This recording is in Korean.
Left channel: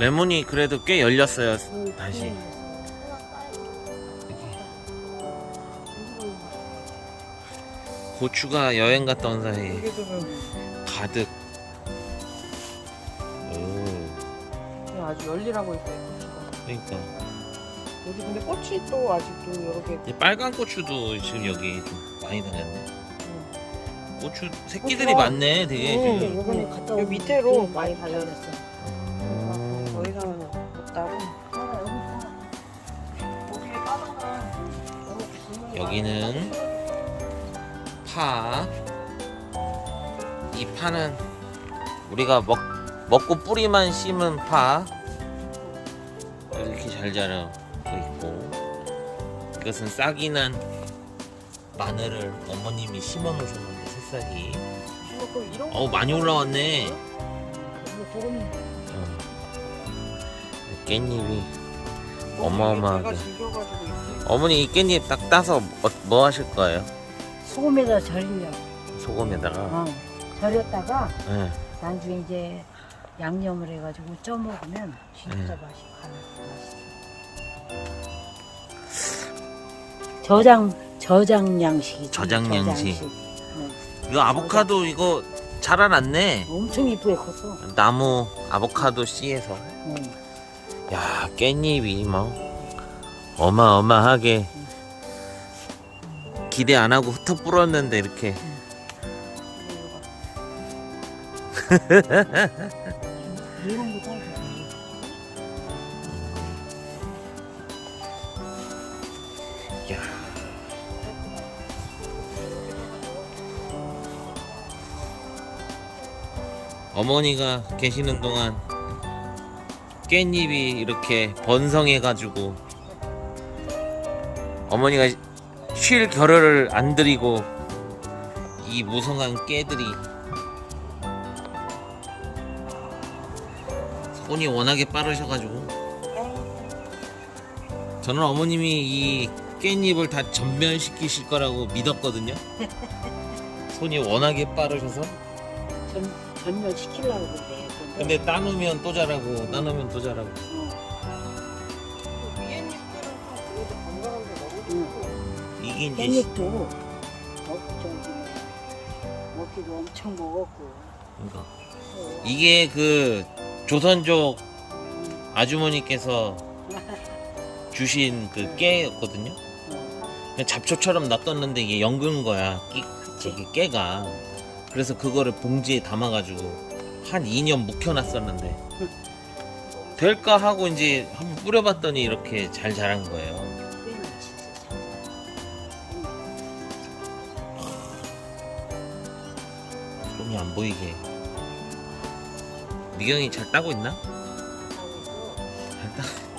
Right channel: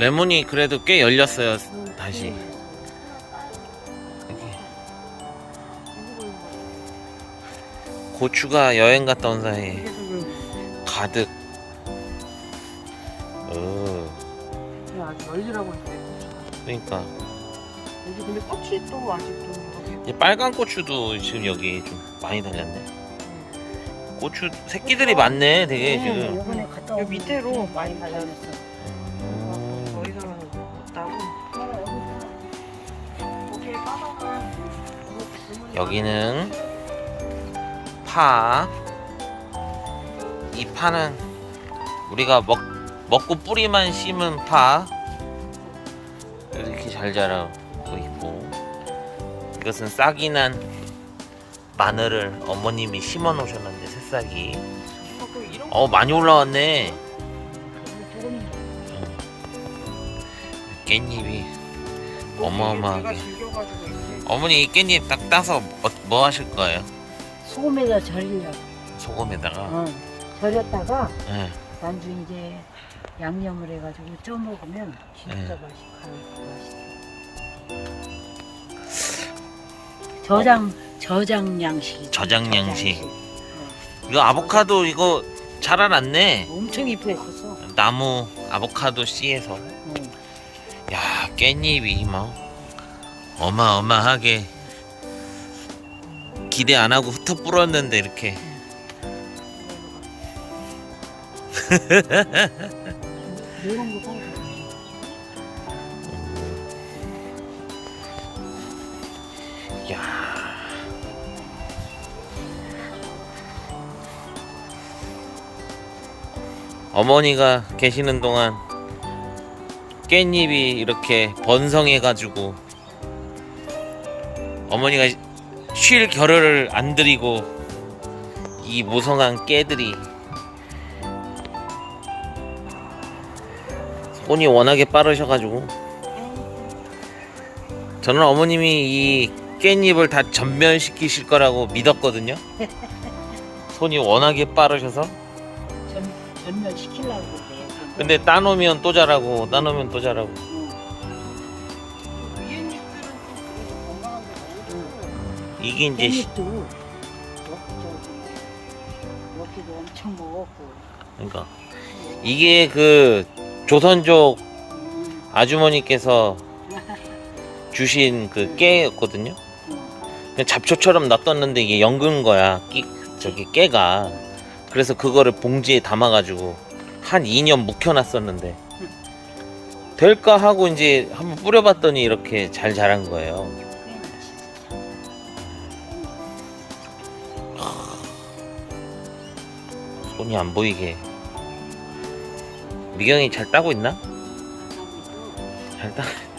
레몬이 그래도 꽤 열렸어요. 음, 다시. 음. 고추가 여행 갔다 온좀 가득. 어, 아주 열리라고 있어. 그러니까 여기 근데 꽃이 또 아직도 이렇게 이 빨간 고추도 지금 여기 좀 많이 달렸네. 고추 새끼들이 많네, 되게 음, 지금. 여기 밑에로 많이 달려있어. 여기는 파. 이 파는 우리가 먹, 먹고 뿌리만 심은 파. 이렇게 잘 자라고 있고. 이것은 싹이 난 마늘을 어머님이 심어 놓으셨는데, 새싹이. 이런 어, 많이 올라왔네. 조금 어. 깻잎이 어마어마하게. 어머니 이 깻잎 딱 따서 뭐, 뭐 하실 거예요? 소금에다 절려. 소금에다가. 어. 절였다가 네. 광주 이제 양념을 해가지고 쪄 먹으면 진짜 네. 맛있어. 맛있어. 저장 저장 양식이. 저장 양식. 어. 이거 아보카도 이거 자라났네. 엄청 이쁘게 컸어. 나무 아보카도 씨에서. 음. 야 깻잎이 뭐 어마어마하게 기대 안 하고 흩어 불었는데 이렇게. 야. 어머니가 계시는 동안 깻잎이 이렇게 번성해가지고 어머니가 쉴 겨를을 안 들이고 이 무성한 깨들이 손이 워낙에 빠르셔가지고 저는 어머님이 이 깻잎을 다 전멸시키실 거라고 믿었거든요. 손이 워낙에 빠르셔서. 전 전멸 시키려고 그래. 근데 따놓으면 또 자라고, 따놓으면 또 자라고. 이게 이제 시- 깻잎도 먹기 좀 먹기도 엄청 먹었고. 그러니까 이게 그 조선족 아주머니께서 주신 그 깨였거든요. 그냥 잡초처럼 놔뒀는데 이게 연근 거야. 끼, 저기 깨가. 그래서 그거를 봉지에 담아가지고 한 2년 묵혀놨었는데 될까 하고 이제 한번 뿌려봤더니 이렇게 잘 자란 거예요. 손이 안 보이게. 미경이 잘 따고 있나? 참. 잘 따.